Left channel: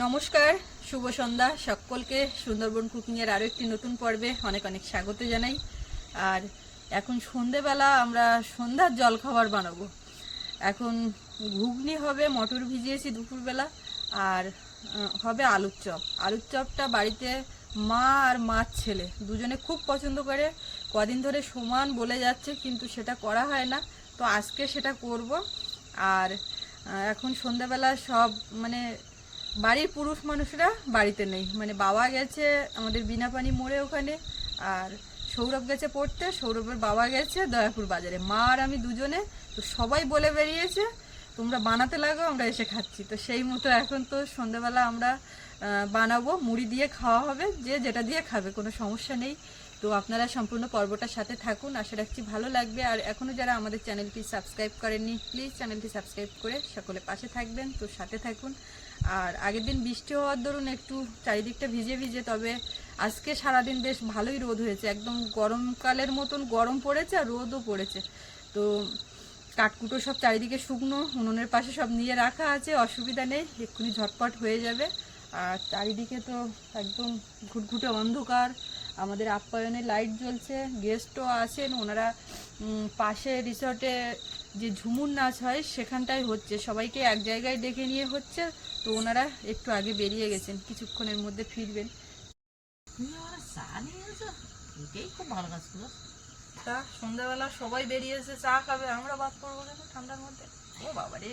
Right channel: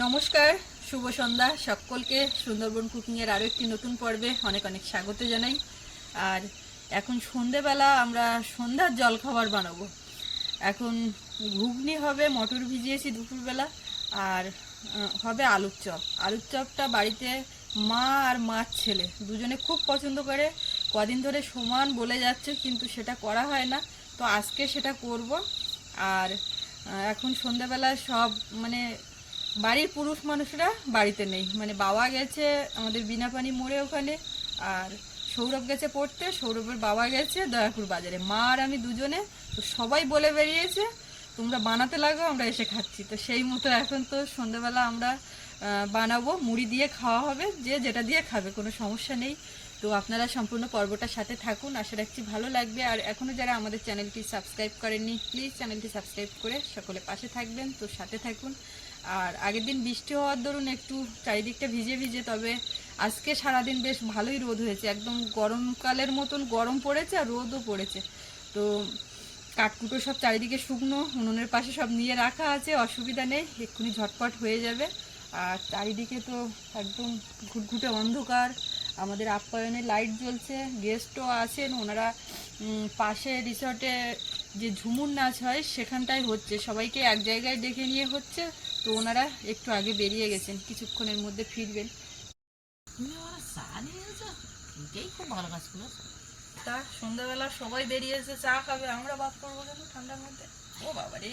নমস্কার, শুভ সন্ধ্যা সকলকে। সুন্দরবন কুকিংয়ের আরও একটি নতুন পর্বে অনেক অনেক স্বাগত জানাই। আর এখন সন্ধেবেলা আমরা সন্ধ্যার জলখাবার বানাবো। এখন ঘুগনি হবে, মটর ভিজিয়েছি দুপুরবেলা, আর হবে আলুর চপ। আলুর চপটা বাড়িতে মা আর মার ছেলে দুজনে খুব পছন্দ করে। কদিন ধরে সমান বলে যাচ্ছে, কিন্তু সেটা করা হয় না। তো আজকে সেটা করব। আর এখন সন্ধ্যাবেলা সব মানে বাড়ির পুরুষ মানুষরা বাড়িতে নেই। মানে বাবা গেছে আমাদের বিনাপানি মোড়ে ওখানে, আর সৌরভ গেছে পড়তে, সৌরভের বাবা গেছে দয়াপুর বাজারে। মা আর আমি দুজনে, তো সবাই বলে বেরিয়েছে, তোমরা বানাতে লাগো, আমরা এসে খাচ্ছি। তো সেই মতো এখন তো সন্ধ্যাবেলা আমরা বানাবো, মুড়ি দিয়ে খাওয়া হবে, যে যেটা দিয়ে খাবে, কোনো সমস্যা নেই। তো আপনারা সম্পূর্ণ পর্বটার সাথে থাকুন, আশা রাখছি ভালো লাগবে। আর এখনও যারা আমাদের চ্যানেলটি সাবস্ক্রাইব করেননি, প্লিজ চ্যানেলটি সাবস্ক্রাইব করে সকলে পাশে থাকবেন। তো সাথে থাকুন। আর আগের দিন বৃষ্টি হওয়ার দরুন একটু চারিদিকটা ভিজে ভিজে, তবে আজকে সারাদিন বেশ ভালোই রোদ হয়েছে। একদম গরমকালের মতন গরম পড়েছে আর রোদও পড়েছে। তো কাঠকুটো সব চারিদিকে শুকনো, উনুনের পাশে সব নিয়ে রাখা আছে, অসুবিধা নেই, এক্ষুনি ঝটপট হয়ে যাবে। আর চারিদিকে তো একদম ঘুটঘুটে অন্ধকার, আমাদের আপ্যায়নে লাইট জ্বলছে, গেস্টও আছেন, ওনারা পাশে রিসর্টে যে ঝুমুর নাচ হয় সেখানটায় হচ্ছে, সবাইকে এক জায়গায় ডেকে নিয়ে হচ্ছে। তো ওনারা একটু আগে বেরিয়ে গেছেন কিছুক্ষণের মধ্যে ফিরবেন। খুব ভালো কাজ করেছ। তা সন্ধ্যাবেলা সবাই বেরিয়েছে চা খাবে আমরা বাদ করব কেন ঠান্ডার মধ্যে? ও বাবা রে।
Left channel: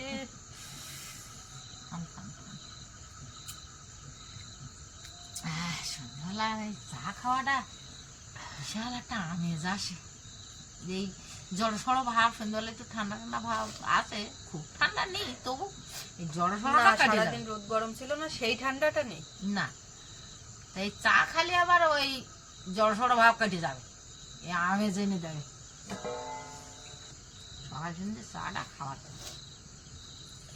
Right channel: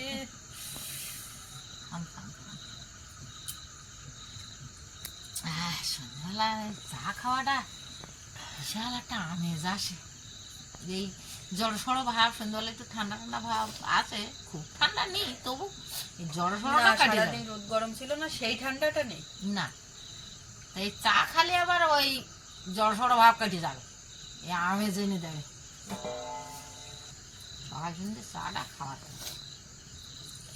সন্ধ্যাবেলায় চা খাওয়াটা বিশাল একটা আমেজ আসে। এই জড় সড়ো ভাব সন্ধ্যাবেলা একটু ঠান্ডা ঠান্ডা ভাব আছে খুব ঠান্ডা নেই তবু কাটে রোদ গরম ছিল না সেই ঠান্ডাটা নেই। না এই চা খালি আবার ওই জড় সড়ো ভাব কেটে যাবে দেবে। সকাল সন্ধ্যে চাটা খাওয়াটা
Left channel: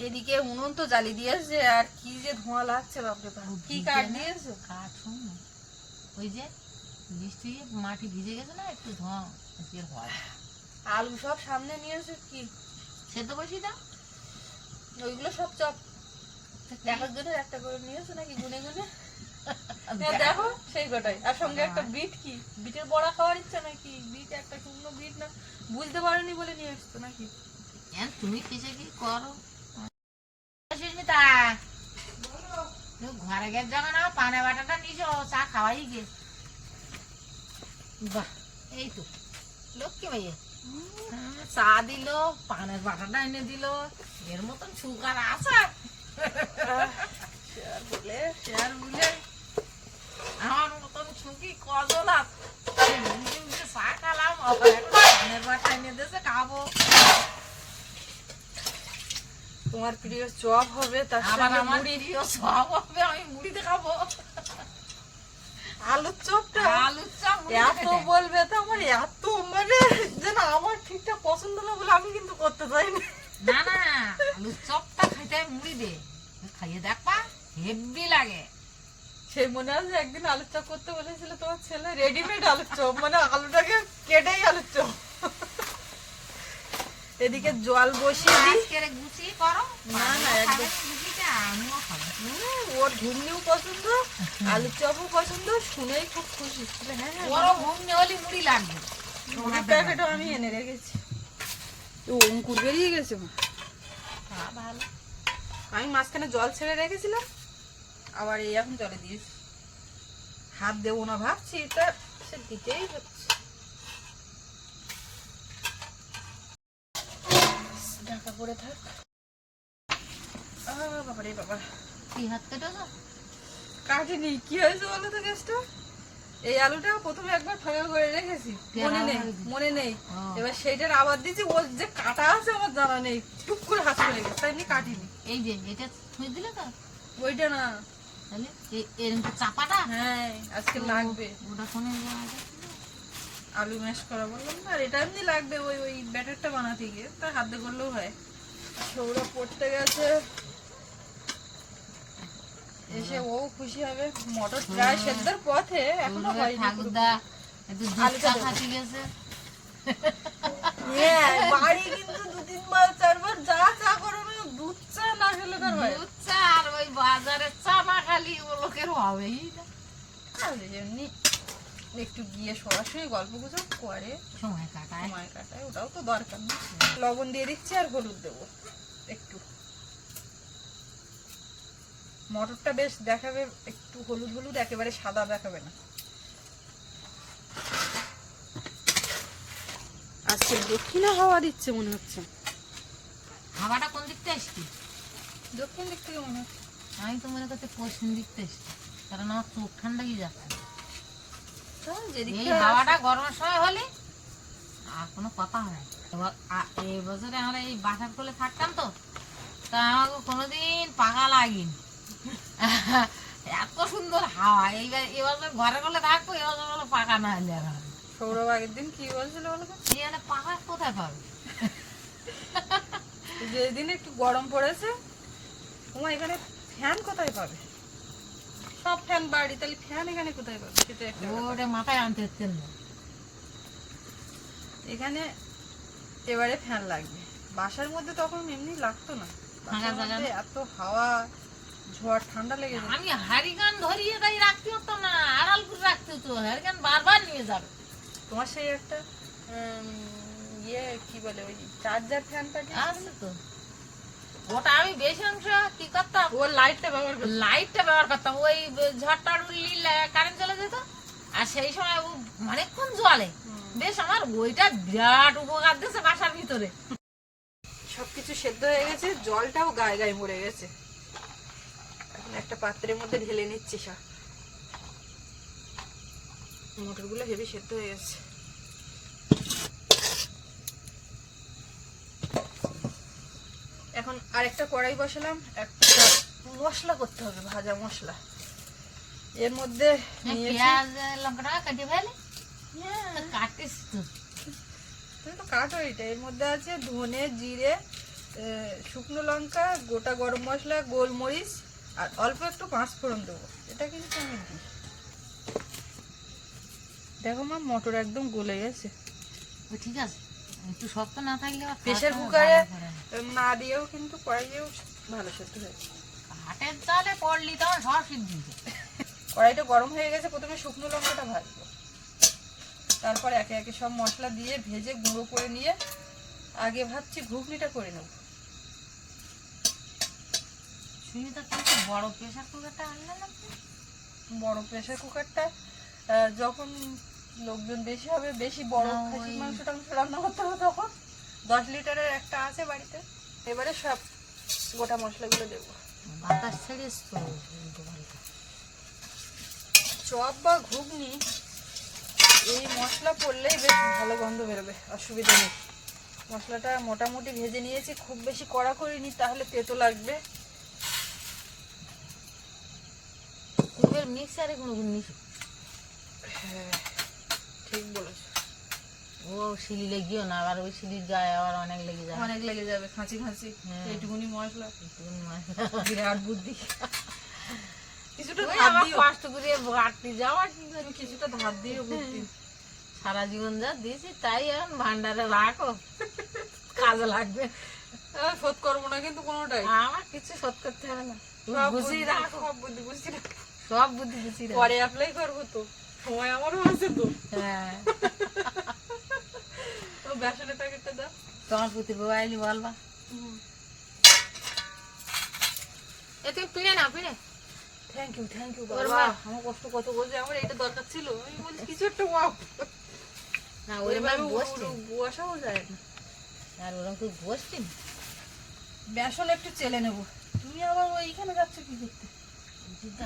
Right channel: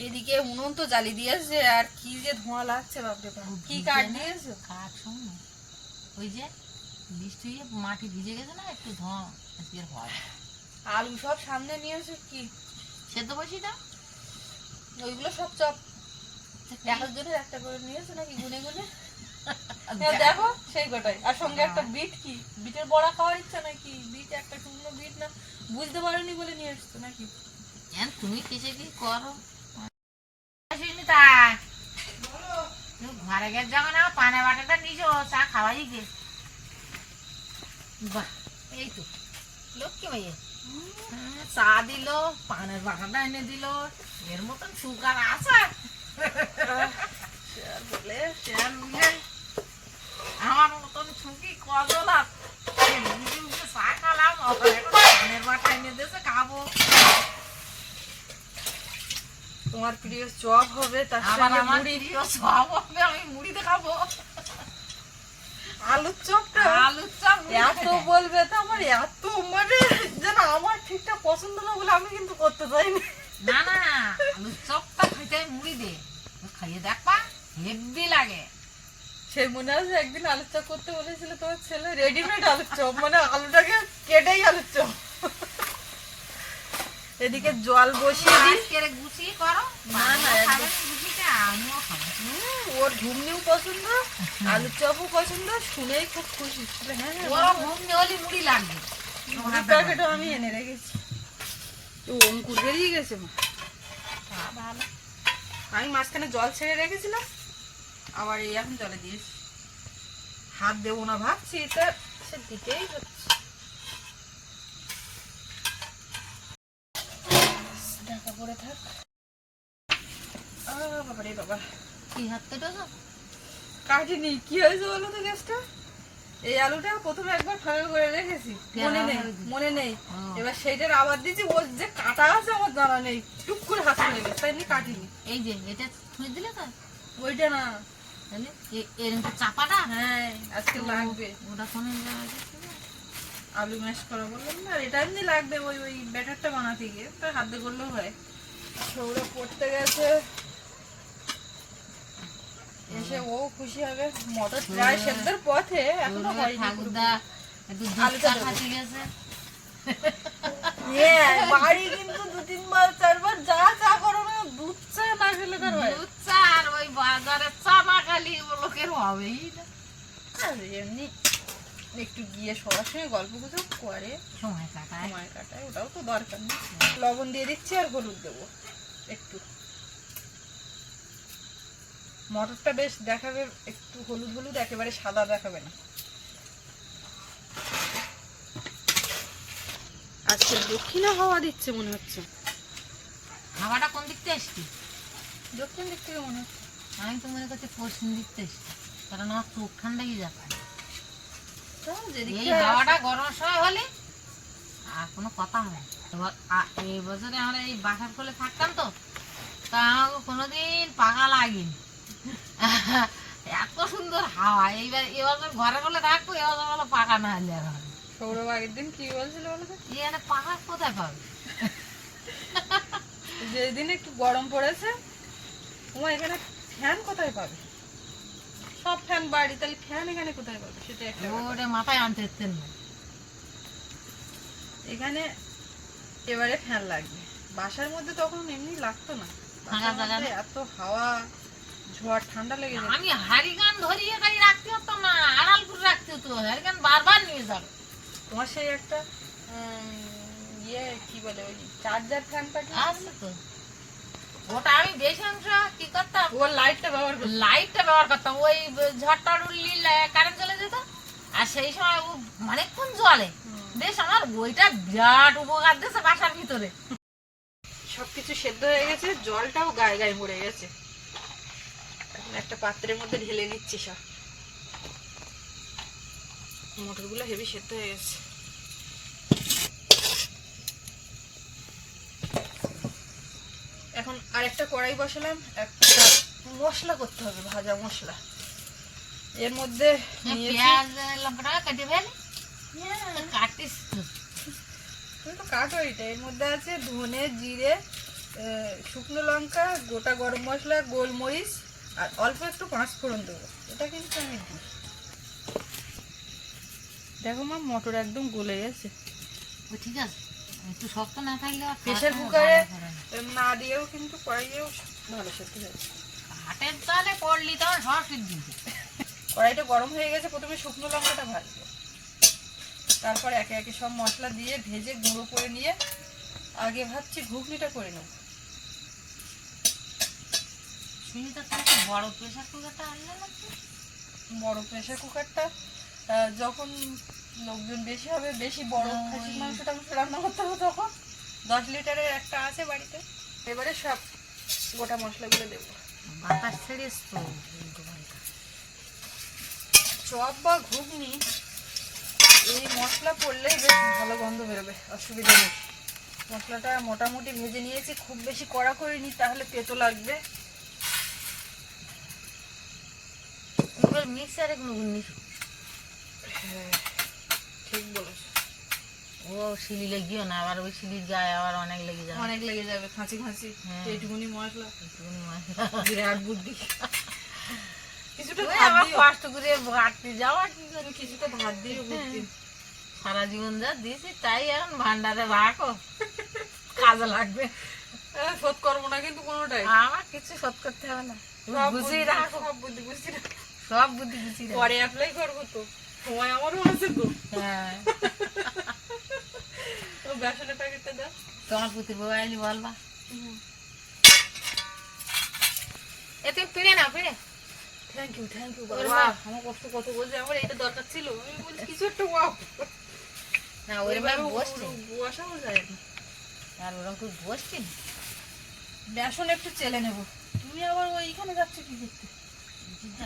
এদিকে উনুন তো জ্বালি দিয়েছে আর কি যে ধোঁয়া লাগছে বাপরে বাপ। কি কাঠ দিয়েছ কাঠ শুন। ওই যে বৃষ্টি মাটি ভিজে গেছে না একটু ধোঁয়া আজকে হয় আলু সব সামনে নিয়েছে কি? সেদ্ধ বসি দাও। ওইগুলো সব চপ। দেখার জন্য একটা করে নিয়েছে নাকি গুনে গুনে। হ্যাঁ, দেখো। সেই কটাই। আর সঙ্গে একটা বিট কি? বিটের বড়া খাওয়ার ইচ্ছা নাকি? বিট একটা শুকনো বিট না? বুঝতে পারেনি বলে নিয়ে এসছো নাকি? কেন তুমি কিসে কি করো? ঘরে গেছে যাবে না পানা বাটাটা নিছো চা খাওয়াই গে বাহ এই তো। লক্ষ্মী ভাইয়া। হ্যাঁ, চা দিল পানের বাটাটা এনে দিল। এর মতন সুগার আছে। বলে শেয়ার মিলে আমার মতন ছুকি কজন আছে চা খালাম পানের বাটা এনে দিয়েছে খাব। তোমার প্রিয় চপ হবে তার আবার আমার প্রিয় হবে আমি মুড়িতে খাব। আলুর চপটা আলুর চপ এত বলবে তো আমার এত মানে যেন আমার ঠিকঠাক পছন্দ না বলে আমি কিন্তু করতে চাইনি। না না আলুর চপটা খাইতে মুড়ি দে। খাইয়ে দেখবা হেভি লাগে। সেই মনে আছে একদিন আলুর চপ করতে বলেছিল তোমার ছেলে রেডিমেড আলুর চপ মানে আলুটাকে কেটেই আলুর চপ। এদিকে জল বসিয়ে দিই। গুছি করো না, ওর ঘুমনিও পছন্দ আলুর চপও পছন্দ শুনেই খুব খুশি। হ্যাঁ হ্যাঁ ওরও ঘুম হলে মুড়ি লাগবে। প্যাকেটও আমি এনে রেখেছি। ও অঙ্কুর বেরিয়ে গেছে হ্যাঁ, ভালো। আমি মাঝখানে জল ছেড়ে রেখেছিলাম আবার এই এখন জলে দিয়েছি। হাত দেবো না ভাবছি তা সে দিতেই হচ্ছে। ঢাকা পড়ে থাক। বাবা। রে বাবা কি হাত কেটেছো কাটিনি কি হয়েছে বলো তো গ্যাসটা? এই আলুটা প্রথমে একবার ফাঁকা করে রেখেছি। মনে নেই মনে নেই। হ্যাঁ। এবার সেইটার আবার দিচ্ছি ওর যে কাটা আছে আমার জানা নেই। টুক করে হাত গেছে তাই এমনি কাটিনি। এই যে এটা ছুঁয়ে দিলে তো? ওইটা না। তাহলে এরকম চাপাটা? হ্যাঁ আজকে লাগবে। ওটা কোনে আলু ম্যাশ করা বললাম না আর এটা এমনি লাগবে ওই ওই ব্যাটারটা বানাতে গিয়ে তার হাতে করলেও হয়। সৌরা পড়তে গেছে। এসে ও খুশি হবে। মটর প্রায় সেদ্ধর পথে এখনও হয়নি। একটু আলুটা ফাটি গেছে। হ্যাঁ, বাড়ি কিন্তু দু তিনবার চারবার যা চা করো না দুধ চা না খেলে তার দুধ চা আর ওই বাজারে চা না খালি ও লোকের হবেই না। এমনি একটু গিয়ে সরাসরি গল্প গুজব করে। সময় কাটায়। সময় কাটায় ওটাও তো দরকার নেই লবণ দিয়ে দিচ্ছি আর হলুদ দেবো একটু। মটরটা বেশ দেখাবে একটু হলুদ হলুদ একেবারে সাদা দেখাবে না। আজকে দক্ষিণে হাওয়া দিচ্ছে মনে হচ্ছে। হাওয়াটা কোন দিক থেকে এসছি? দক্ষিণ দিক থেকে মনে হচ্ছে। আমি তো মনে করছি পশ্চিম দিক থেকে এসছি কারণ আমার চোখ ঠান্ডা গিয়ে যাচ্ছে। চল, এই হাওয়াটা গরমের সময় হলে আর কোনো কথা হয় এই বছরে আমরা এই বাসার কোলে থাকতাম তো তা আমাকে কোনোদিন পাকা লাগেনি। এত সুন্দর হাওয়া। এইবার এবছর ঘরে কোলে থাকব এবছর বলো পাকা না হলে সৌরভ আগের দিন কি বলছিল বলো তো? এখানে পাকা কোথায় পাবে? যেদিন একটু গরম পড়েছে তোমার এখানে ফ্যান কোথায় পাবে? সব ফ্যান বাড়ি তাহলে ফ্যান এখানে কোথায় পাবে? সেটা একটা ওটা মাথায় আনতে হচ্ছেন না। এখানে এবারে ফ্যান লাগবে। বাসার মধ্যে তখন এমনি লাগতো না? এত হাওয়া। ঝড় ঠান্ডা লেগে যায় আমি হারিগান ধরিয়ে তাই রাখতে হতো না আড়াল করে রাখতে হতো। হারিগান বারবার নিয়ে যাবে। তোমার সেই একটা ইয়ে কি বলে ওই চার্জার ফ্যানটা কি? আছে তো। ওটা আমি বেশি অংশ কি করতাম? লাইটটা ব্যবহার করতে। লাইটটা ব্যবহার করতাম। ওই ঝড়টা উঠলি কারেন্ট চলে যেত। আর সেই সময় ও অনেকক্ষণ জলে বেশ আমার ওইটা বিরাট উপকার দিয়েছে বাসার ভিতরে। সবকিছু সেদ্ধ হয়ে গেছে জলটাও গায়ে গায়ে মরে গেছে। এখন একটা পাত্রের মধ্যে ঢেলে নিচ্ছি সব। মটরগুলো হেভি সেদ্ধ হয়ে গেছে। এখন আরেকটা কড়াই বসালাম একটা মশলা করতে হবে ভাজা মশলা। এর মধ্যে কেটে ফেলে। তো তুমি তো কাটো এটা। এর মধ্যে আছে ধনে জিরে শুকনো লঙ্কা গোটা গরম মশলা গোলমরিচ আর অল্প একটু পাঁচ ফোড়ন দেবো। এটা কিন্তু আমি দিই। দেখো মা মটর একদম গলে গেছে। ও ঠিক আছে। একটু শক্ত না থাকলে প্রেশার কুকারে না। দিয়েও কিন্তু কড়াইয়েও ভালো সেদ্ধ হয়েছে কাঠের জালে পড়লি তখন সব সিদ্ধ কড়াইটা গরম হয়ে গেছে প্রথমে শুকনো লঙ্কাটা ভাজবো। তারপর একে একে সব মশলা দিয়ে ভেজে গুঁড়ো করে নিয়ে আগে ভাবছি ঘুগনিটা করে নেব। সুনিতা তুমি তো বড় প্রেশার কুকারটা আনলে না? বড় প্রেসার কুকারটা যখন লোকজন বেশি হবে বেশি বড় খাসির মাংস টাংস রান্না করতে হবে তখন দশ লিটারের একটা আছে বাড়িতে এবারে সব গোটা মশলাগুলো দেবো বাতাস পাল্টা। চপ বা ঘুগনি এই মশলা পড়লেই বেশ ভালো গন্ধ বেরোবে অসুবিধা নেই মশলাটা মোটামুটি ভেজে নিয়েছি খুব বেশি কড়া করিনি তাহলে পেতো লাগবে এবার মিক্সারে কোনো হ্যাঁ ঠিক বলেছ। ও শিলি লেগিও না আবার ওই শিলির গায়ে আবার অনেক লেগে যাবে। অনেক লেগে যাবে খাঁচি খাঁচি। হ্যাঁ। এইটুকুনি মশলা। একটুখানি মশলা। বিরাট বুদ্ধি। কিছুটা ধার কষ্ট করে বাড়তে যাওয়া কি? কিছুটা ধার দিও বুদ্ধি সারা জীবন যা দিয়েছি তাই এখন ভান্ডারে রাখো। কাজে লাগবে। শোধ করব না কিন্তু কোনোটাই। আমার কিছু শোধ করতে হবে না। বুদ্ধি রাখো। বুদ্ধি বুঝছি না সব বুদ্ধি রাখো পরে অ্যাপ্লাই করব তো সময় আমারও আছে তো। হ্যাঁ। ও বেসনের প্যাকেটটা দাও। তোমার পুতির বাবা এলি বলবা এ তুমি পিড়ে নাও পিড়ে থ্যাংক ইউ থ্যাংক ইউ বাবা। আমার কষ্ট কত বলছে আমার এটা দরকার ছিল। আমি বলছি কিছু একটা ওয়াও না ওইভাবে বসাও যায় না। আর ওরকম বসছি না। বেসন একটু চেলে নেব। তুমি আবার ওইখানে যাচ্ছ কি করতে কিন্তু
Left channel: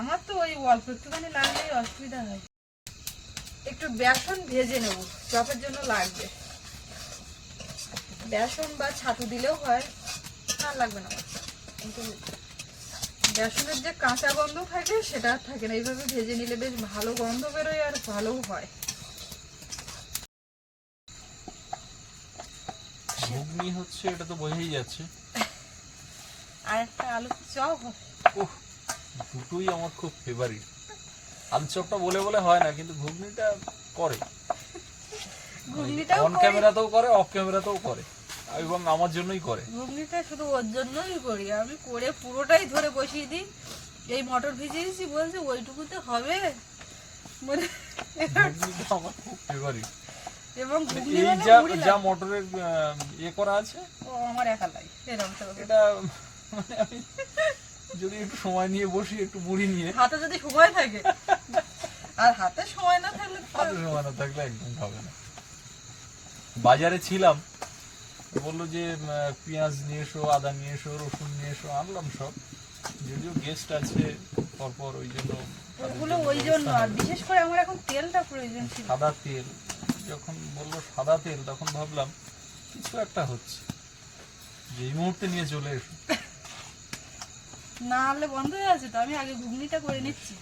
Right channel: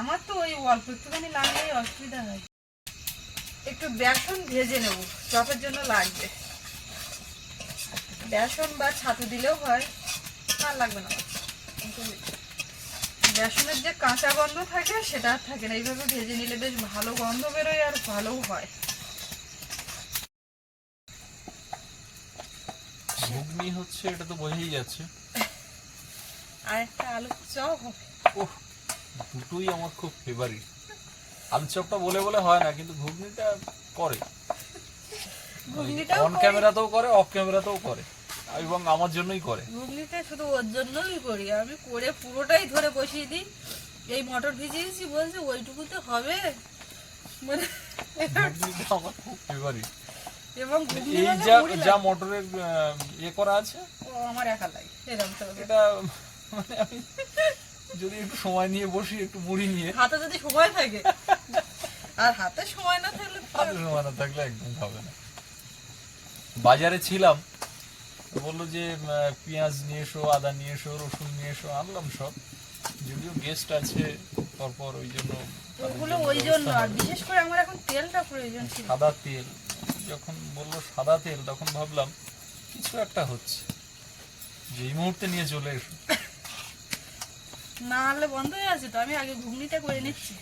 আমার তো ওই অল্প একটুখানি লাগলেই অসুবিধা হয়। একটু বেসন ভেজে নেব চপের জন্য লাগবে। বেসন বা ছাতু দিলেও হয়, আর লাগবে না। কিন্তু বেসনের যে কাঁচা গন্ধ থাকে, সেটা আর থাকে না। এইভাবে ভেজে নিলে বেশ ভালো গন্ধ বেরোয় আর ভালোও হয়। ঘুগনি হচ্ছে, এটা তো বোঝাই যাচ্ছে। আর একটা আলুর চপ হবে। ওহ দুটোই আমার খুব ফেভারিট আলু চপটা বলে বলে হয় না কিন্তু ঘুগনিটা করে। অন। ক্যামেরাতেও করে। অফ ক্যামেরাতেও করে। এবং আমার জন্যই করে। ঘুগনিতে শুধু ওর জন্যই করি। আমি করে পুরোটাই ধরে বসিয়ে দিই। এই মটর ভিজিয়েছি বলছে ওইটুকুতে হবে। মানে আমার খুব ফেভারিট এবং যা। মোটরের ইয়ে করা আছে ও আমার একা লাগে। এরকম এটা যদি একটু সময় নিয়ে বসি একটু মুড়ি নিয়ে। হাতে যদি সময় থাকে। আর হাতে সময় না থাকলে হাতে সময় না থাকলে একদম খাবে না। বাজারে ছিলাম বলল যে পেঁয়াজ নিয়ে এসো আদা নিয়ে এসো রসুন নিয়ে এসো আনলাম সব। যদিও গেস্ট আছে পরপর ওই জন্য ওগুলো ওই জন্য আর বিশেষ করে আমার এখন তেলটা প্রয়োজন ছিল। সাদা তেল যখন বলল সাদা তেল তখন ভাবলাম কিছু একটা হচ্ছে। যে এই মুহূর্তে নিয়ে চলে এসো। না হলে বন্ধ হয়ে আছে তো আমি আগে ঘুগনিটা করে নিচ্ছি।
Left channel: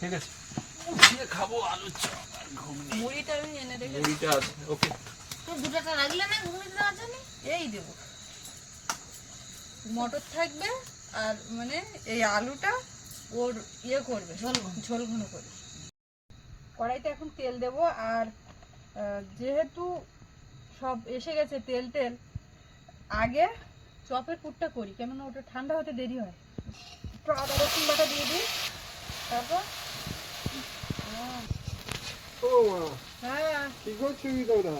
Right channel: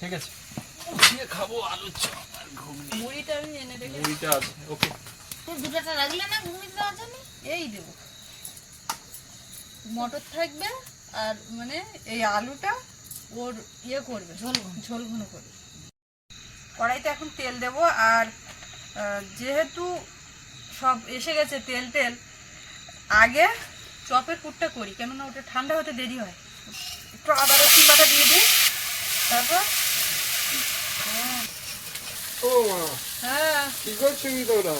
ঠিক আছে। দিয়ে খাব আলু চপ আর ঘুগনি। মুড়িটা আমি এনে রেখে মুড়িটা আছে ওকে। তুই দুটোটা রাখলে না ঘুগনি দেওয়ার জন্য? এই দেব। মটর থাকবে আর মানে এই আলুটা ওর ইয়ে করবে ঝোল ঝোল ঘন করবে। কড়াইতে এখন তেল দেব আর যেহেতু সব এসে গেছে তেল তেল আগে চপের পুরটা করি কেননা ওটা ঠান্ডা হতে দেরি হয়। একটু আদা রসুন বাটা দিয়ে দিই তারপর ও হ্যাঁ। কি করছ কি তোমরা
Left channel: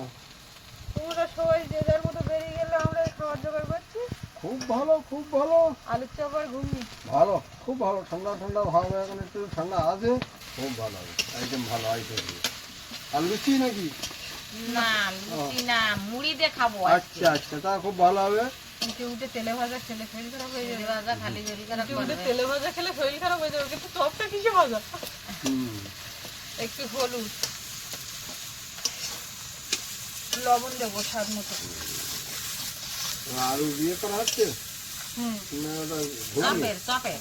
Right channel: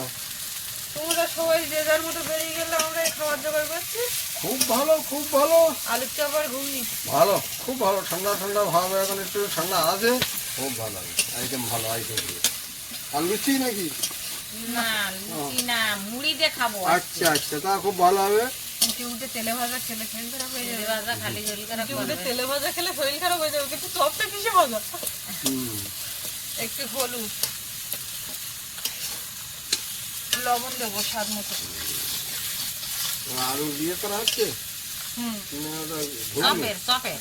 তোমরা সবাই যে যার মতো বেরিয়ে গেলে আমরা করছি। খুব ভালো খুব ভালো। আলুর চপ আর ঘুগনি। ভালো খুব ভালো ঠান্ডা ঠান্ডা ভালো এখন একটু ঠান্ডা আছে। খুব ভালো আইটেম ভালো আইটেম আর লুচি নাকি? না লুচি না মুড়ি দিয়ে খাব আচ্ছা আচ্ছা তা খুব ভালো হবে। উঠে উঠে তেলে ভাজা খেলে শরীর খারাপ হয়ে যাবে। ভাজা খালি শরীর খারাপ উঠে উঠে তেলে ভাজা খেলে শরীর খারাপ হয়ে যাবে কিন্তু চপটা কিসে ভাজা? একটু হলুদ। লবণ দেবো স্বাদ মতো। আলু দিয়ে করা হচ্ছে চপের।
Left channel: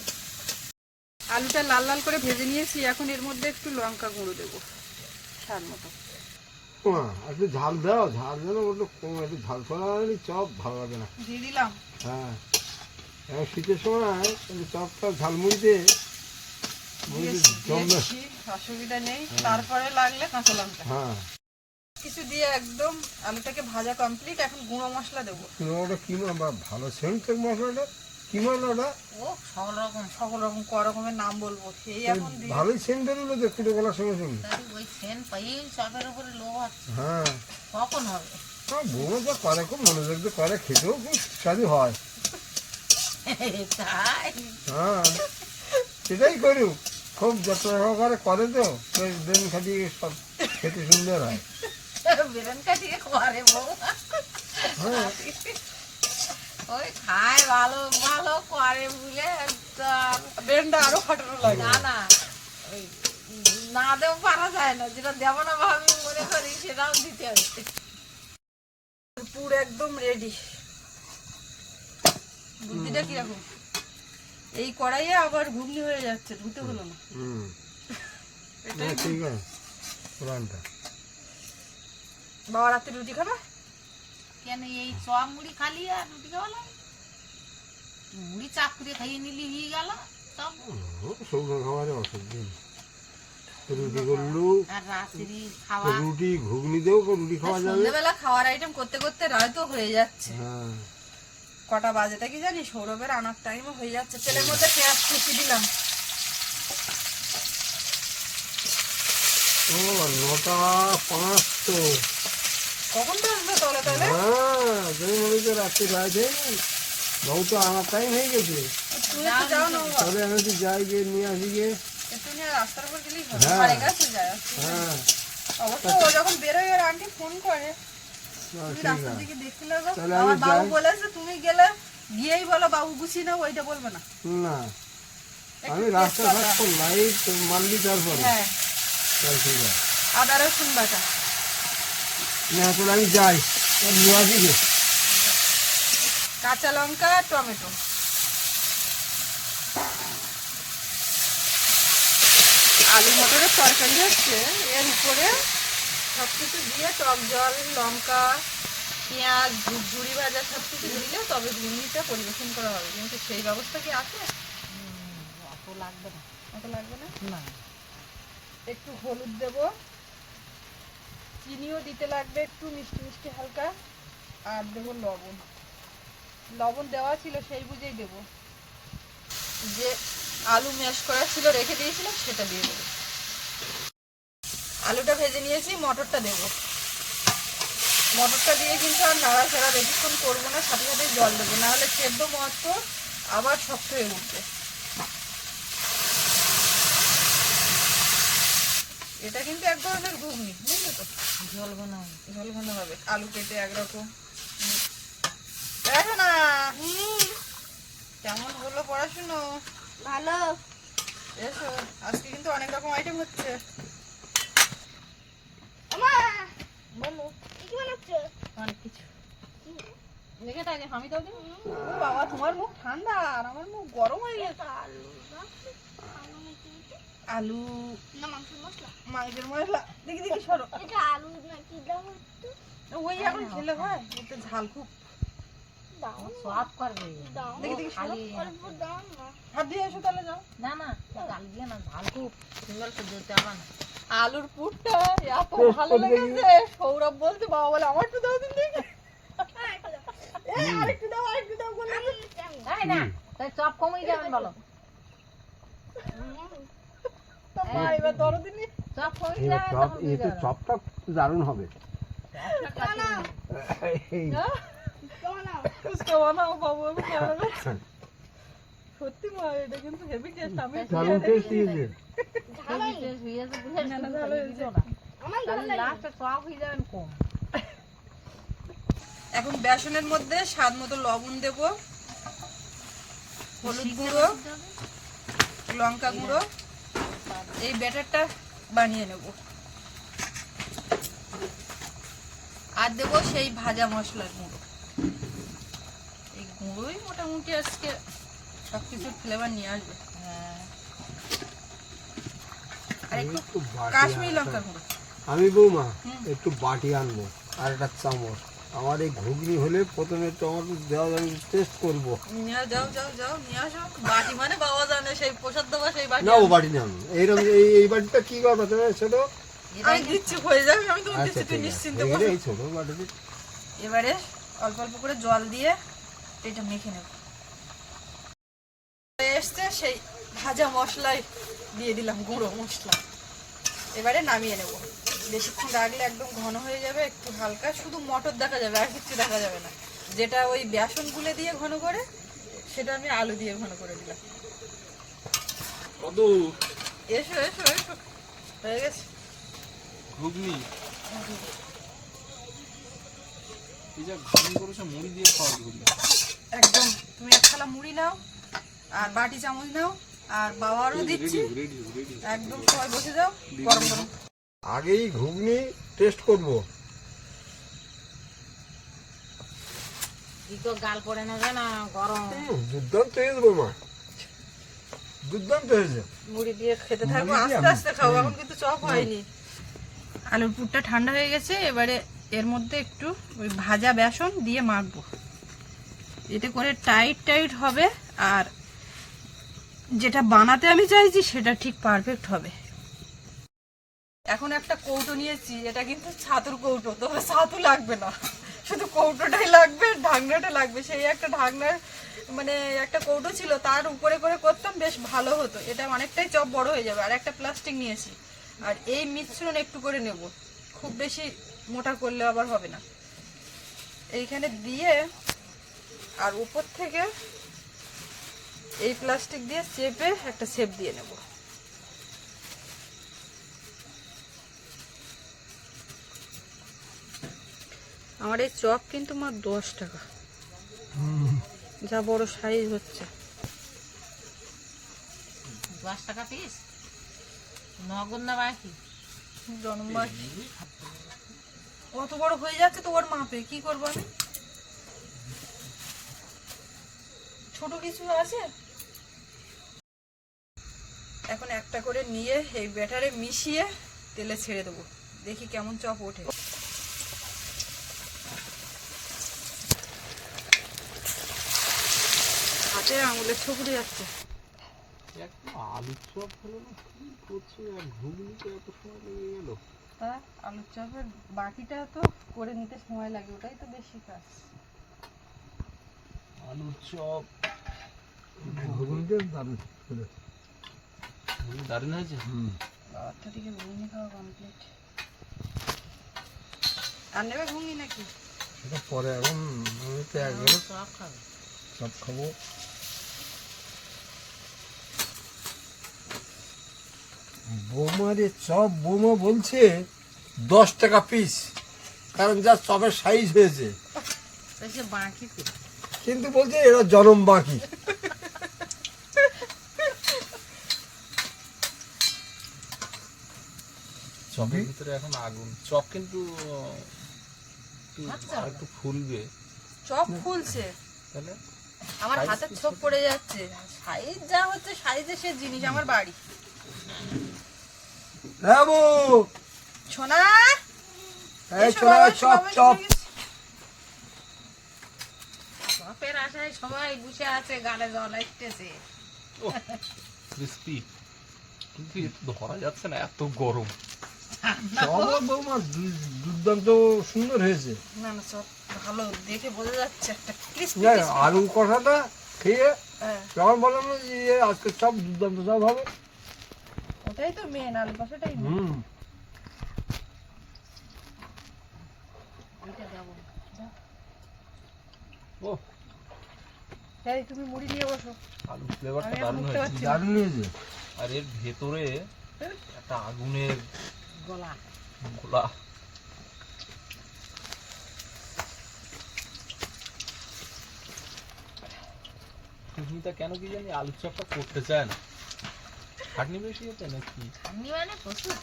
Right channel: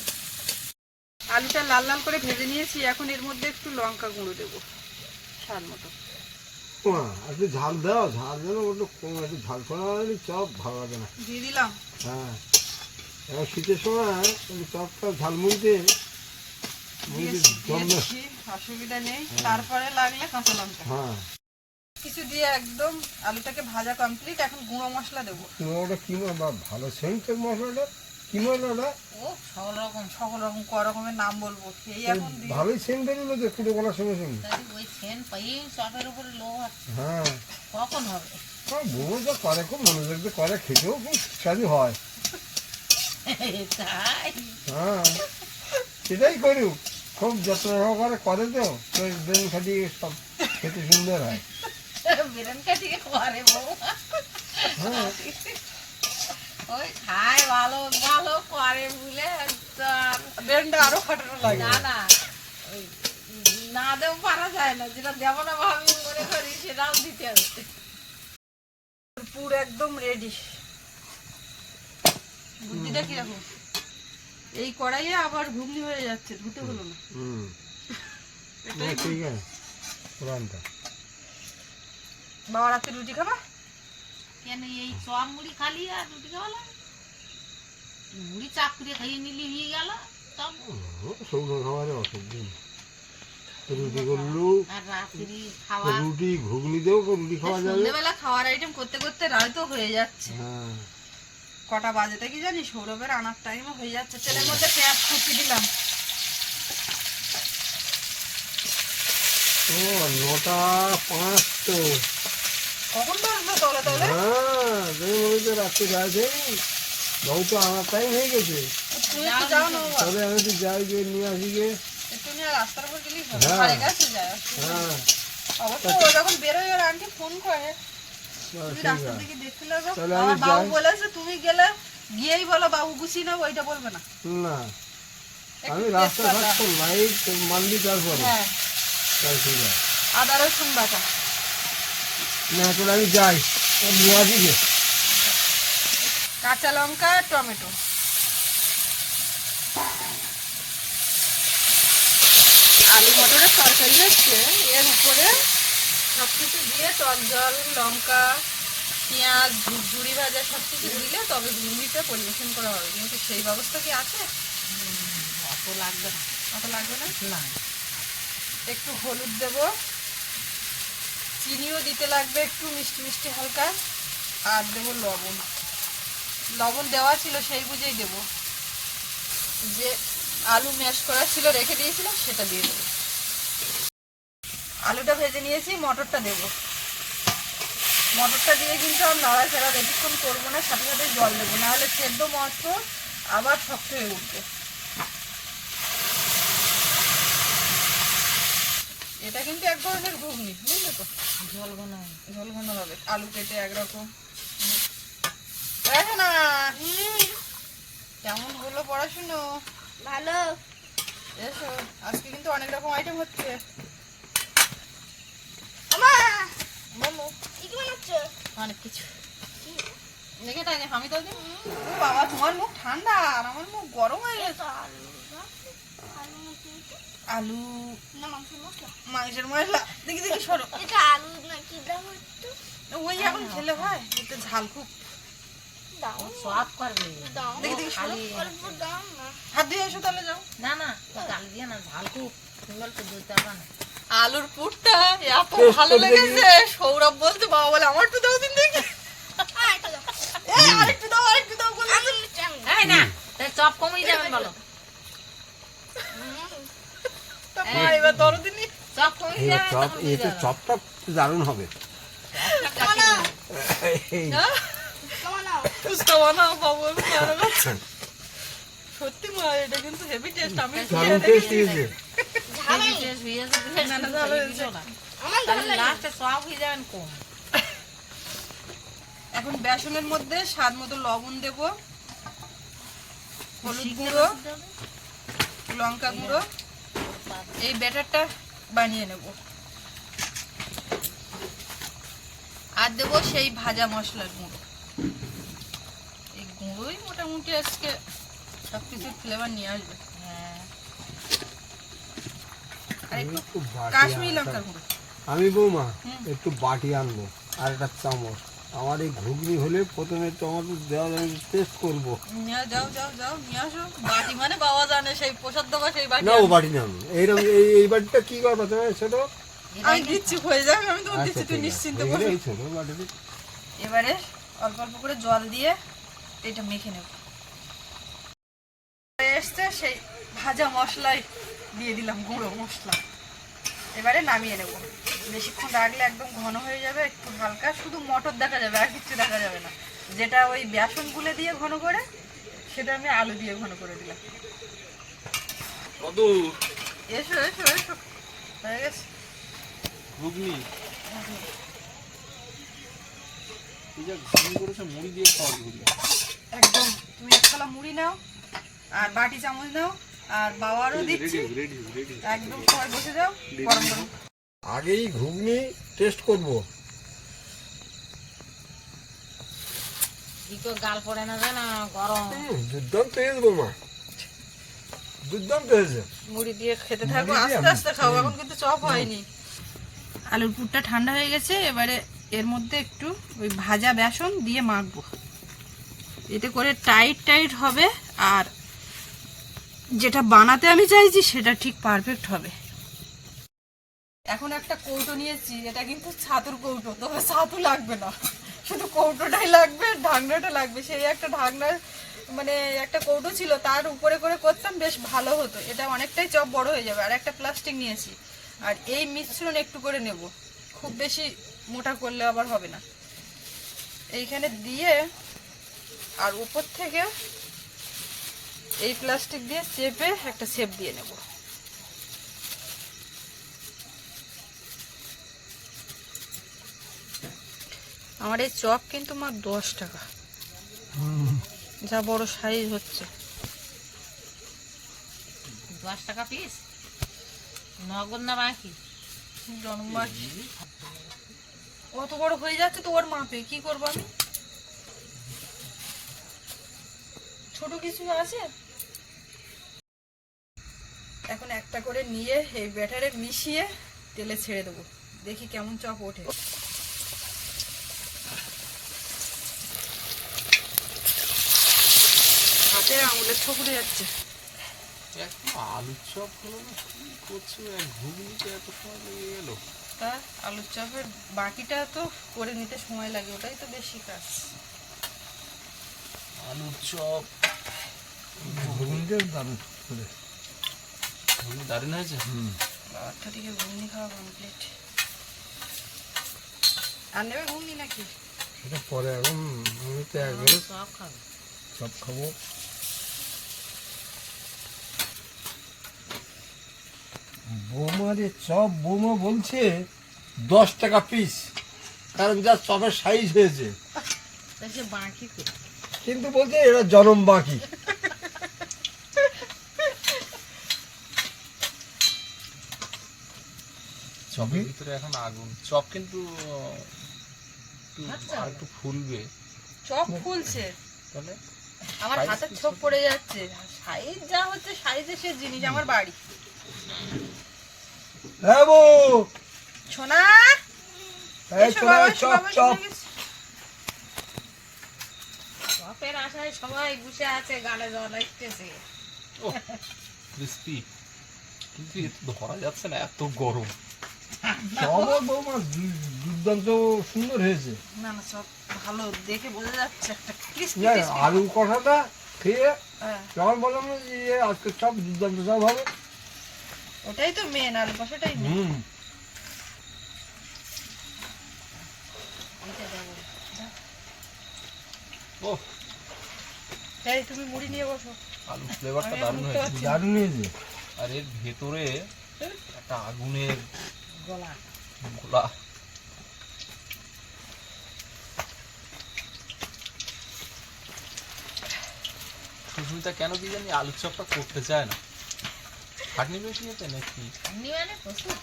আলুটা লাল লাল করে ভেজে নিয়েছি এখন এর মধ্যে একটু লঙ্কা গুঁড়ো দেবো স্বাদ মতো। একটু ঝাল দাও ঝাল যেন ওটা কম একটু ঝাল করা হয়নি চপ ভালো লাগে না। দিয়ে দিলাম। হ্যাঁ এখন শীতের সময় চপটা ঝালমুড়িতে মুড়িতে দিয়েছি, জমবে অসুবিধা নেই। তারপরে লাগলে কাঁচা লঙ্কা। হ্যাঁ। কিছু দিয়ে একদম আলুটাকে ভাজা কমপ্লিট এখন গুঁড়ো মশলা দেবো। ওটা কি ভালো সেন্ট মশলাটা? কি মশলাটা ও সকল রকম সকল রকম ক রকমের নাম বলব। সেই এখন দিই ভালোই সেন্ট বেরোলো যে ফুটে গলার সঙ্গে সঙ্গে। ওই সেন পাইয়ে চপের উপরে লোভ আছে। হ্যাঁ। কখন হবে? বউ যা করে খুব মনোযোগ দিয়ে করে খেতেও খুব সুস্বাদু হয়। তাই? হ্যাঁ। সেটাই করুক। খুব যত্ন সহকারে করে তো দিন খালি সব খেতে সুন্দর হয়। বেরেন করে বউ হ্যাঁ। ওই খায় ভালো ভালো করে বলে ব্রেনটা আরও খাটানো লাগে। না না না দেও পারা যায় না যেটা দেব না ভাবি মনে করি সেটাও দিতে হবে। পুর একদম রেডি বুদ্ধিটা কীরকম? এই কড়াইয়ে আবার ঘুগনি হয়ে যাচ্ছে ধুতে হলো না। হুম। ঠিক আছে বাবা রাতে রুটি খাবা? কেন এই চপ মুড়ি খালি আর রুটি খাওয়া লাগে? মুড়ি চাপ করে খাইয়ে নিলি হয়ে গেল তব শুকনো খাবারে অসুবিধা নেই। রুটি করলু আর রাত্রি খাওয়া। রুটি ঘুগনি দেও রুটি খাওয়া যাবে সন্ধ্যেবেলা খাওয়ার আইটেম করতে করতে রায় তো হয়ে যাচ্ছে। হ্যাঁ। কটা বাজেটা কি জানি? সৌরভের আনার টাইমও হয়ে যাচ্ছে। তেলের মধ্যে পেঁয়াজ কুচি দিলাম। ও নটা পাঁচ তো কখন তো তলে তলে হ্যাঁ মনে তো রাত্রে আমার টাইম হয়ে গেছে। তুমি যাও না বাবা। আমি তো যাই গিয়ে নিয়ে আসি গিয়ে। রাস্তার উপর গেলেই হ্যাঁ। হ্যাঁ। অবশ্য ও যখন ফোন করে। না, তাহলে আমি যাই। বলেছে তুমি গেলে গিয়েই বলো বাবু নাও ওইটা বলবে না। না। আমি লাইট মানলি তারপরে। হ্যাঁ। তাহলে ঠিক আছে। আদা রসুন বাটা। না তাহলে আমি যাই। নিয়ে আসি গে কাঁচা লঙ্কা টমেটো। আলু মটরের তরকারি হচ্ছে এর উপরে সব কিছু দিয়ে টক জল লঙ্কা পেঁয়াজ ঝুড়ি ভাজা সব কিছু দিলে তবে ঘুগনিটা পরিবেশন করা হবে। কিন্তু সেই ব্যবস্থা কি আছে? অত লাগবে না। অত লাগবে না? না। একটু হলুদ দেব। চিনিও দিতে লাগবে একটু মিষ্টি মিষ্টি হালকা। আর দেবো লবণ। লবণ দেওয়া ছিল সেই বুঝেই দেবো। যে আলু ম্যাশ করা ছিল রেখে দিয়েছিলাম সেটা দিয়ে দেবো। আলুটা ভেজে নিয়েছি মটরটা দেবো। মটরটা দিয়ে কিন্তু আর নাড়াচাড়া বেশিক্ষণ করব না সাথে সাথে জল দেবো। নাহলে সেদ্ধ মটর আবার শক্ত হয়ে উঠবে। এটা কিন্তু এক ধরনের ঘুগনি বুঝলে তো? জল ঘন ঝোল ঘন হবে আলু কেটে একরকম। দেখো না। কেমন হলো পড়াশুনো? ভালো। এসো আজকে কিন্তু অনেক রকম আইটেম হচ্ছে। বলো। অনেক কিছু। দেখে আমি তো বাবা তোমার মুখ ঠান্ডা আর আমার মুখ গরম হয়ে গেছে এটা আলু না? আলু নাকি এটা? আলু না মাংসের মশলা। মাংসের মশলা। দেখি দেখি সরো। এটা আলু নাকি দাও একটু ওই এখন খেলে ভাই একটু ঝাল খুব। দাও সব করবে। দাও দেখি দেখি সরো। অল্প দাও না। হাত দিয়ে এসো তাহলে যাও। না না গাল দিয়ে না ঝাল খুব। সুন্দর তো দিতে হবে না। আলুর পুরটা এত ভালো লেগেছে। সৌরভ বলতে বাবা বলে আমার একটু দাও দিন দেখি। হ্যাঁ দাও। আরেকটু দাও আরেকটু দাও বলে। না। না চপ কমিয়ে যাবেন বলো হুম, তা মা এবার দরদিন চপ কমিয়ে এই যাবেন চপ তখন এই দিয়ে তো চপটা দারুণ হবে। সত্যি মা এটা কিন্তু হেভি টেস্ট আমি হয়ে এখন বেসনের মধ্যে স্বাদ মতো লবণ দেব হলুদ গুঁড়ো লঙ্কা গুঁড়ো এই ব্যাটারটা বানিয়ে নেব। আর দেবো সেই ভাজা মশলার গুঁড়ো। এই গুঁড়োই মোটামুটি আজকে সব কিছুর ফ্লেভার নিয়ে আসবে। হ্যাঁ আর একটু কাশ্মীরি লঙ্কার গুঁড়ো। আমি বৌমা। একটু বাটি আনব আর একটা চামচ। আমার এই ঘুগনি হলে প্রথমে টমেটো দেওয়া আমি টেস্ট করব। নিয়ে যাও যাও যাও নিয়ে আসো। বাটি মানে বাবা জানে সেই প্রসাদ দেওয়া সেই বাটি না ও বাটি না এইরকম এই এই বাটিটা কি করব তুমি ছোট? আমি হয়ে যাবে আমি তো আচ্ছা দিচ্ছি তুই ঠিক আছে। এই বল। রে, এই ছোট বাটিতে এবারে অল্প অল্প করে জল দিয়ে এটা মেখে নেব। এসছে সেই ভাজা মশলাই দিয়ে দিলাম গুঁড়ো মশলা। এবারে নামিয়ে নেব। বেশিক্ষণ রাখলে একদম ঘন হয়ে যাবে একটু হালকা শুধু মটর দেখা যাবে আর কিছু দেখা যাবে না। যেটা ওই বেসন গুলে দিয়ে ঘন করে সেটা আমি আলু দিয়ে ঘন করে দিলাম। কদু। এসো এসো এসো। হয়ে গেছে। ঘুগনি। এই যা ঘুগনি করেছে মুড়ি দিয়ে খাওয়া ঘুগনি? একদম। তুমি এক থালা মুড়ি নাও আর বাটি চামচ নাও আর বাবারও দিচ্ছি। একদম সবাই বসে যাও গরম গরম। আগেই ঘুগনি টেস্ট করব। কি তো গাল পড়ে না জানা? গরম। দুর্দান্ত হয়েছে বৌমা। দুর্দান্ত হয়েছে। মুড়ি দিয়ে খেতে থাকব আস্তে আস্তে খাব এখন কিন্তু চপ হয়নি। আলুর পুরটা ঠান্ডা হয়ে গেছে এবারে এর মধ্যে একটু ওই ভাজা বেসন দিয়ে মাখবো। এতে করে টাইট টাইট হবে আর যেটা বানাতে আমি চাইছি, সেটা ঠিক পারফেক্ট হবে। এখন একটা কৌটো নিয়েছি, এটা কিন্তু ছাতুর কৌটো তবে ছাতু লাগবে না। শুধু কৌটোটাই লাগবে, ঢাকনাটা লাগবে। সেই একটা ঢাকনার মানে একটা কৌটো ছিল, তার উপরে করে করতাম, বেশ ভালো হতো। এটা অনেকটাই চপ বড় হয়ে যাবে। আর একটা প্লাস্টিক নিয়েছি। আর এই মিশ্রণ একটু করে নেব। খুব বেশি মোটা করলে আবার হবে না। এইখানে দিয়ে, আর উপর থেকে এই প্লাস্টিক দিয়ে চেপে একটা শেপ দিয়ে নেব। আমার এই চপ কিন্তু মাত্র দশ টাকা। যা বড় সাইজ হচ্ছে। দশ টাকা পিস নগদ না বাকি? অত বড় হয়ে যাচ্ছে তো ওর মাপে কি করব আমি? ছোট কিছু আছে? এখন একটা করে নিয়ে এই ব্যাটারে মিশিয়ে তেলে ছেড়ে দেবো। দেখি কেমন চপ ওঠে। হাতে যাচ্ছে। আলুর চপ হলো না কি করছ? এক ঘুগনিতে এত সময় লেগে গেল? ভর্তা আলুর চপের বাকিটা তো করে নিতে সময় লাগে ওটাই তো বেশি কাজ। আলুর চপ দারুণ করে। ঘুগনি দারুণ হয়েছে বারোটা থেকে ঘুগনি খাওয়া কমপ্লিট আর নেবে ঘুগনি নাকি সেটা পরে এখন আমি তো একবারে সব খাবে সব খাব বৌমারে চপ বৌমা বলছে দশ টাকা পিস কারণ যা চপের সাইজ হয়েছে। কিন্তু বলছে এরা জনম বাকি। চপের ভিতরে এখন আগুন। চপ কিন্তু একটু আর একটু ফুলবে। চপ ফুলছে। তাহলে আমার হাতের ছোপ পড়ে যাচ্ছে। সাইজ যা হচ্ছে সাইজে সে জিনিস আমার বাড়ি। হ্যাঁ সোনা? এই এসো চপ চপ। চপের আশায় সবাই বসে আছে গালে জল আসতেছে। ক্রিস্পি কিন্তু এ ধরা যাচ্ছে না এত গরম। বৌমা দুর্দান্ত সুন্দর হয়েছে। না না চপ ভালো দেখে বোঝা যাচ্ছে একটা crispy আলু কষাটা খেয়ে হ্যাঁ, বললাম যে ইয়ে আজকে চপ দুর্দান্ত চপ হবে। ওটাই তো মেন আলু কষাটাই হুম। ও। তুমি মুড়ি নিয়ে বসো। আলু ফ্লেভারটা আমি দারুণ এখন উঠতে হয়েছে দারুণ হয়েছে। আর এর ভেতরে একটা আগুনের গলা। গোলা। সুস্মিতা কেন কি জানি আলুর চপটা করতে চায় না? খাটনি বেশি হতে নাকি মানে প্রচুর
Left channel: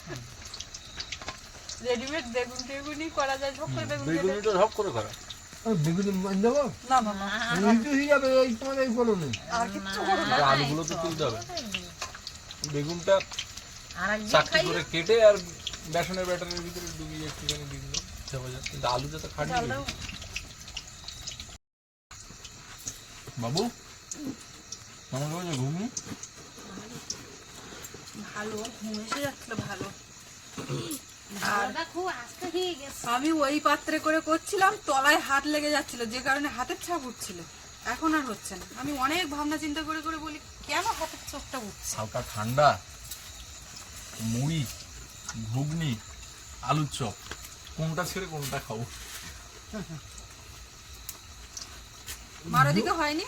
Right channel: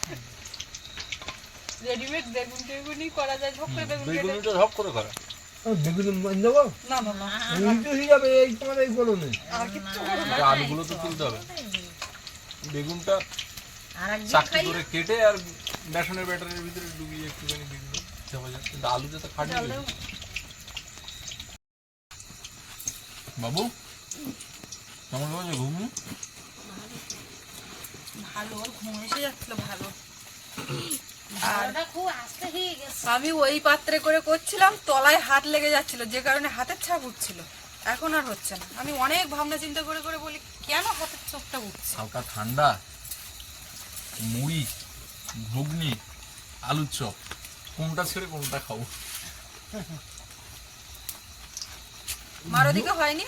রেডিমেড বেগুন টেগুনি করা যায় ঝোপ করে বেগুন বেগুনিটা ঝপ করে করে। বেগুনি দেবো? না না না। উল্টো হয়ে যাবে এই তোমার এই করোনে আর কিচ্ছু করো না। আলুগুলো তো তুলতে হবে। বেগুনটা আর একদিন চাকরি খাই করে কেটে আর বেসনের ব্যাটারের ভিতরে ডুবিয়ে একটুখানি দিল। কিন্তু আলুটা তো। দাও। বাবু কেমন লাগছে ঘুগনি ভালো ঘুম এসে যাচ্ছিল ভালো। ভালোটা খুব আস্তে হয়ে গেছে। আমি ওই পাত্রে করে করছিলাম তলায় হাত লেগে যাচ্ছিল যে কারণে হাতের ছাপ উঠছিল। এখন আর হচ্ছে না। আমি অনেক ভাবনা চিন্তা করে করে বলি কেন হাতের ছাপটা উঠছে? হালকা ঠান্ডা মুড়ি। ঘুগনি আলুর চপ। কোনটা ছেড়ে কোনটা খাব? মার ওদিকে হয়নি?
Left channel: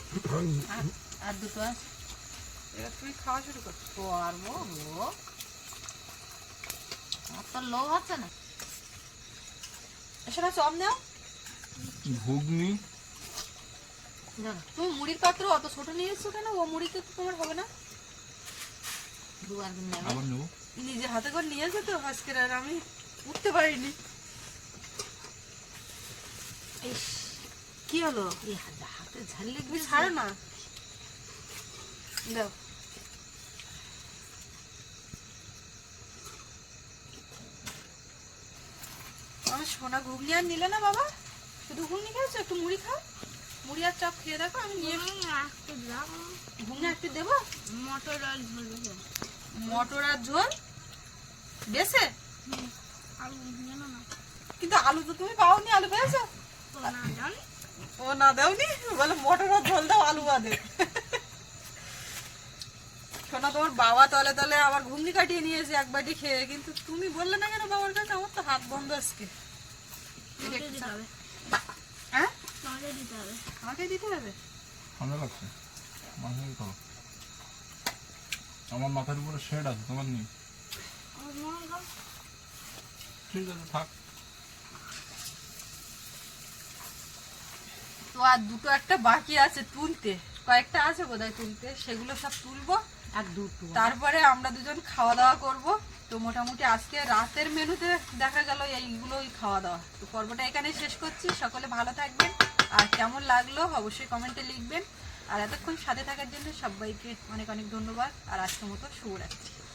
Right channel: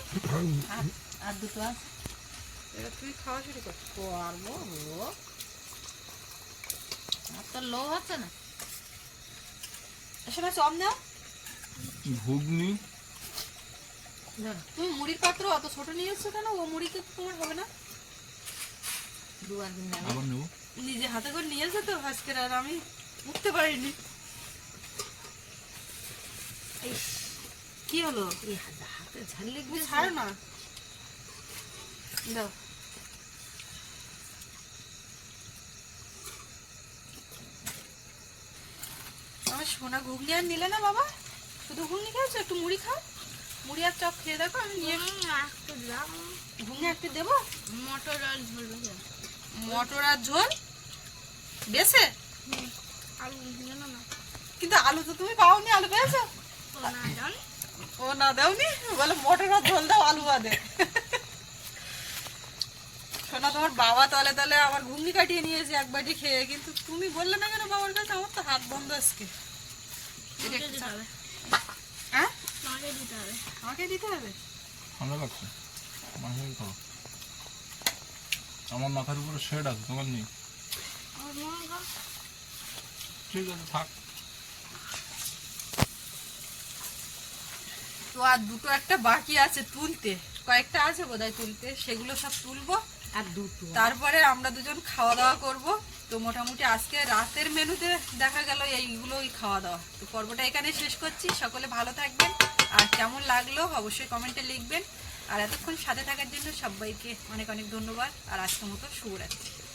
আর দুটো আছে। এবার তুমি খাওয়া শুরু করো। পারব গো। আর তো লোভ হচ্ছে না? না চপ নাও। ঘুগনি। তুমি মুড়ির পাত্র অত ছোট নিয়ে এসছো কেন? ও মুড়িতে তো তোমার হবে না। দু একদিন আবার নেব। নিজে হাতে করে নিয়ে এসে তো আজকের আর আমি উঠতে পারিনি। কি হলো? হাতে- হাতে ঝাল্লি ছাড়ো না। দাও। আমার সোনা ঘুগনি আর নিলে না বাবা? শুধু ঘুগনি খেয়েছো একটু মুড়ি খাও। মুড়ি আর চপ খেয়ে দেখো আমি নিয়ে ঘুগনি একটু দেবো? মটর আর ঝোল মটর আর ঝোল? না। কিন্তু আলু তো তুমি পাওনি আলু পেয়েছ? ও না দাওনি? বলে মটর ঝোল দাও আলু বাদে। শোনা তোমার বাবা তলে তলে আমার ঘুগনি কাটিয়ে নিয়েছে এক বাটি খেয়ে কিন্তু তুমি বললে না কেন বাবার কাছে? আমার তো হাত বন্ধ আজকে। তোমাকে দিতে হবে। হ্যাঁ? আমাকে দিতে হবে? আমার মাথার উপরে শেড আছে তোমার হয় ঠিক আছে থাক তো আর দুটো একটা বাকি আছে তুলতে। কয়েকটা আছে বোধহয় তুলতে। সেগুলো সব তুলবো। আর দুটো। তারপরে আমরা দুজন খাওয়া দাওয়া করব। তো মোটামুটি আজকে রাতের মেনুতে দেখা গেল এইগুলোই খাওয়া দাওয়া। তো পর্বটা এখানে শেষ করছি। সকলে ভালো থাকবেন। আর কেমন লাগল অবশ্যই কমেন্টে লিখবেন। আর এতক্ষণ সাথে থাকার জন্য সবাইকে অনেক অনেক ধন্যবাদ। আর আজকের মতো শুভরাত্রি।